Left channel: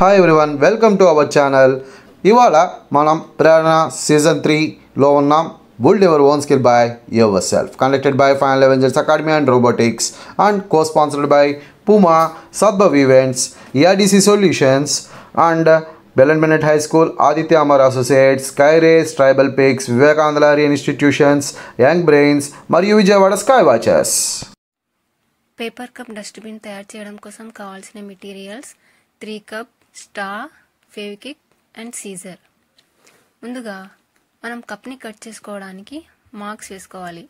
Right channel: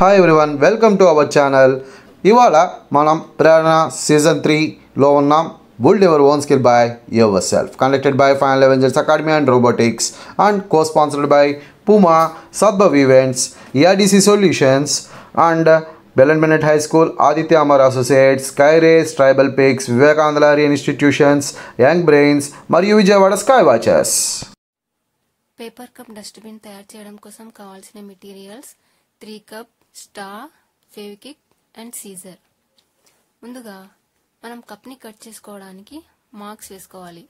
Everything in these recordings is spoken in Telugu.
Hi everyone, welcome to our channel. ఇవాళ మనం ప్రేరణ సీజన్ 3లో ఉన్నాం. Build your own skill by yourself. Conducted by Final Avengers Academy and Robotics and co-sponsored by Puma, Sadbhav Events, ERDC Solutions and Belen Bennett High School, Aditya Amar Associates, Skyrace, Tribal Peaks, Vivekananda Institutions, Young Brains మరియు Vijayawada sky watches. Paper cup dustbin తయారు చేయడం కోసం కావాల్సిన materials 3 cup, star, Fevikwik and scissor. ముందుగా మనం కప్ని కట్ చేసుకోవడానికి మార్క్స్ వేసుకోవాలి.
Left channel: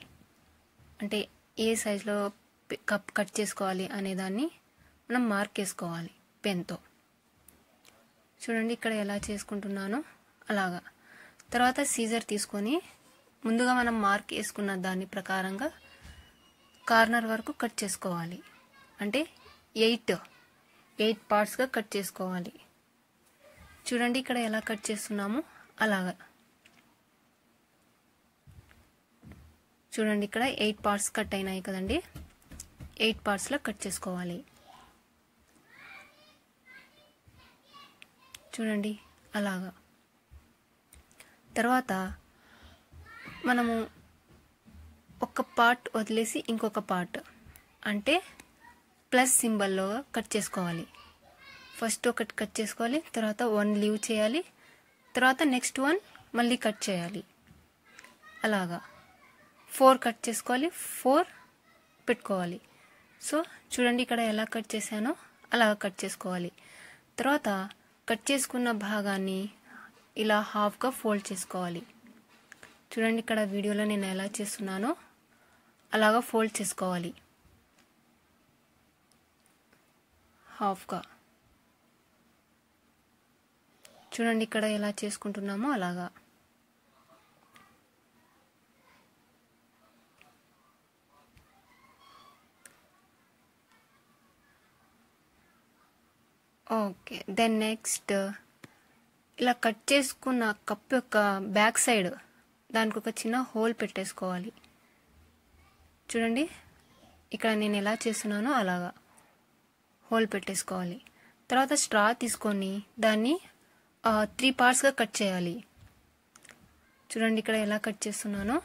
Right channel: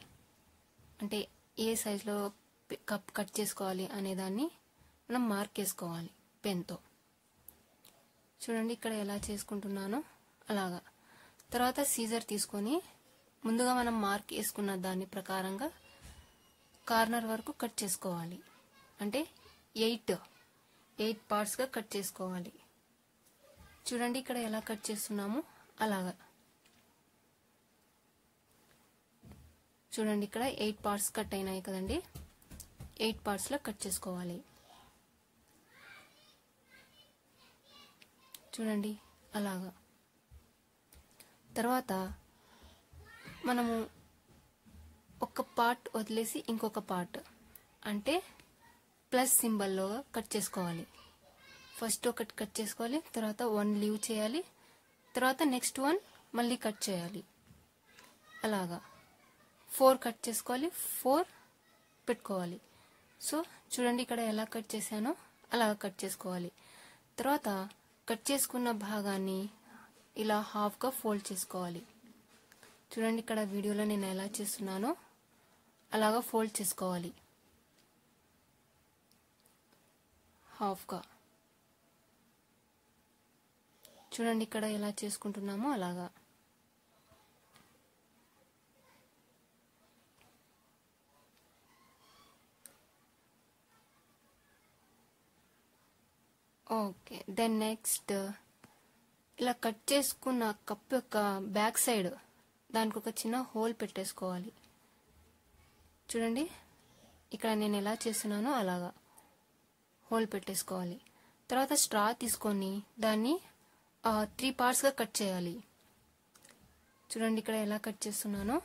అంటే ఏ సైజులో కప్ కట్ చేసుకోవాలి అనేదాన్ని మనం మార్క్ వేసుకోవాలి పెన్తో. చూడండి ఇక్కడ ఎలా చేసుకుంటున్నానో అలాగా. తర్వాత సీజర్ తీసుకొని ముందుగా మనం మార్క్ వేసుకున్న దాని ప్రకారంగా కార్నర్ వరకు కట్ చేసుకోవాలి. అంటే 8 పార్ట్స్గా కట్ చేసుకోవాలి. చూడండి ఇక్కడ ఎలా కట్ చేస్తున్నామో అలాగా. చూడండి ఇక్కడ 8 పార్ట్స్ కట్ అయినాయి కదండి. 8 పార్ట్స్లో కట్ చేసుకోవాలి. చూడండి అలాగా. తర్వాత మనము ఒక పార్ట్ వదిలేసి ఇంకొక పార్ట్ అంటే ప్లస్ సింబల్లో కట్ చేసుకోవాలి. ఫస్ట్ ఒకటి కట్ చేసుకోవాలి, తర్వాత 1 లీవ్ చేయాలి, తర్వాత నెక్స్ట్ 1 మళ్ళీ కట్ చేయాలి. అలాగా 4 కట్ చేసుకోవాలి, 4 పెట్టుకోవాలి. సో చూడండి ఇక్కడ ఎలా కట్ చేశానో అలాగా కట్ చేసుకోవాలి. తర్వాత కట్ చేసుకున్న భాగాన్ని ఇలా హాఫ్గా ఫోల్డ్ చేసుకోవాలి. చూడండి ఇక్కడ వీడియోలో నేను ఎలా చేస్తున్నానో అలాగా ఫోల్డ్ చేసుకోవాలి హాఫ్గా. చూడండి ఇక్కడ ఎలా చేసుకుంటున్నామో అలాగా. ఓకే, దెన్ నెక్స్ట్ ఇలా కట్ చేసుకున్న కప్ యొక్క బ్యాక్ సైడ్ దానికి ఒక చిన్న హోల్ పెట్టేసుకోవాలి. చూడండి ఇక్కడ నేను ఎలా చేస్తున్నానో అలాగా హోల్ పెట్టేసుకోవాలి. తర్వాత స్ట్రా తీసుకొని దాన్ని 3 పార్ట్స్గా కట్ చేయాలి. చూడండి ఇక్కడ ఎలా కట్ చేస్తున్నానో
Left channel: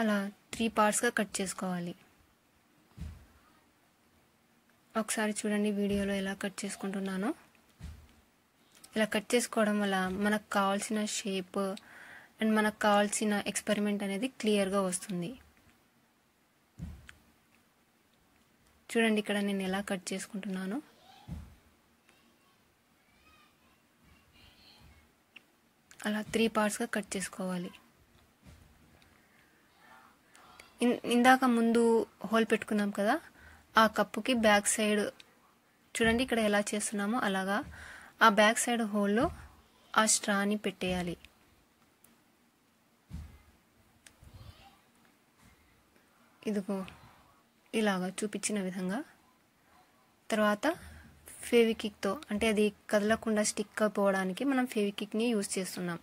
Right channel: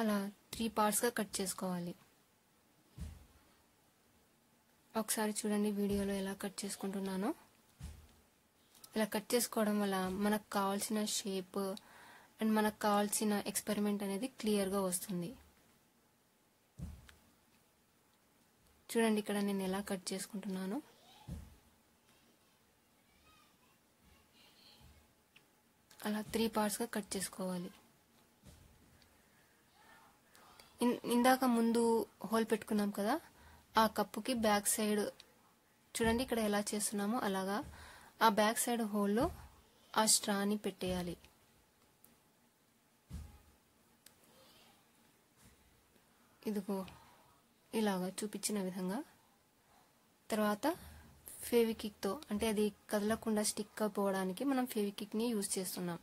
అలా 3 పార్ట్స్గా కట్ చేసుకోవాలి. ఒకసారి చూడండి వీడియోలో ఎలా కట్ చేసుకుంటున్నానో. ఇలా కట్ చేసుకోవడం వల్ల మనకు కావాల్సిన షేప్ అండ్ మనకు కావాల్సిన ఎక్స్పెరిమెంట్ అనేది క్లియర్గా వస్తుంది. చూడండి ఇక్కడ నేను ఎలా కట్ చేసుకుంటున్నాను. అలా 3 పార్ట్స్గా కట్ చేసుకోవాలి. ఇందాక ముందు హోల్ పెట్టుకున్నాం కదా, ఆ కప్పుకి బ్యాక్ సైడ్ చూడండి ఇక్కడ ఎలా చేస్తున్నామో అలాగా ఆ బ్యాక్ సైడ్ హోల్లో ఆ స్ట్రాని పెట్టేయాలి. ఇదిగో ఇలాగా చూపించిన విధంగా. తర్వాత ఫెవిక్విక్తో అంటే అది కదలకుండా స్టిక్ అయిపోవడానికి మనం ఫెవిక్విక్ని యూజ్ చేస్తున్నాం.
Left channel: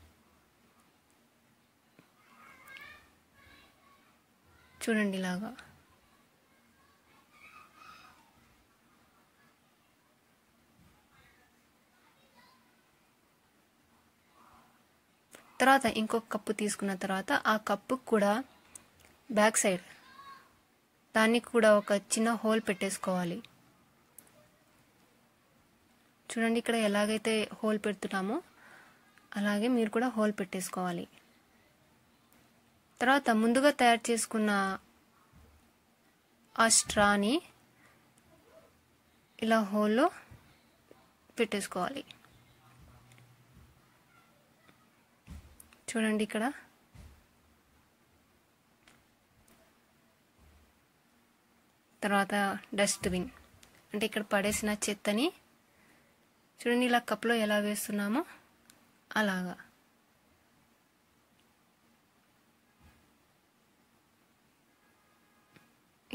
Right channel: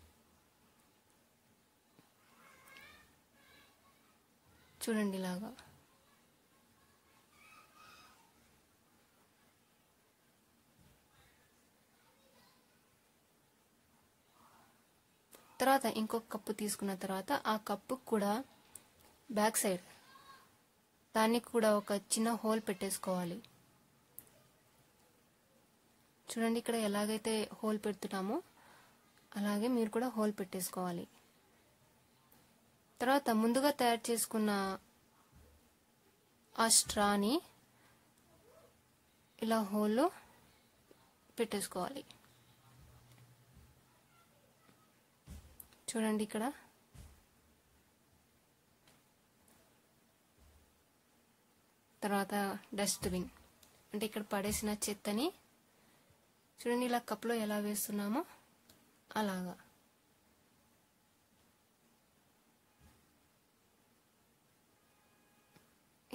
చూడండి ఇలాగా. తర్వాత ఇంకొక కప్పు తీసుకున్న తర్వాత ఆ కప్పు కూడా బ్యాక్ సైడ్ దానికి కూడా ఒక చిన్న హోల్ పెట్టేసుకోవాలి. చూడండి ఇక్కడ ఎలాగైతే హోల్ పెడుతున్నామో అలాగే మీరు కూడా హోల్ పెట్టేసుకోవాలి. తర్వాత ముందుగా తయారు చేసుకున్న ఆ స్ట్రాని ఇలా హోల్లో పెట్టేసుకోవాలి. చూడండి ఇక్కడ తర్వాత డస్ట్బిన్ అంటే ఇక్కడ పడేసిన చెత్తని చూడండి ఇలా కప్లో ఎలా వేస్తున్నామో అలాగా.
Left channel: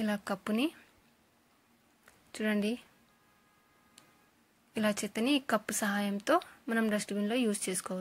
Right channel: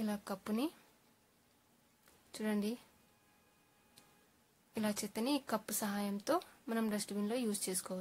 ఇలా కప్పుని చూడండి ఇలా చెత్తని కప్పు సహాయంతో మనం డస్ట్బిన్లో యూజ్ చేసుకోవచ్చు.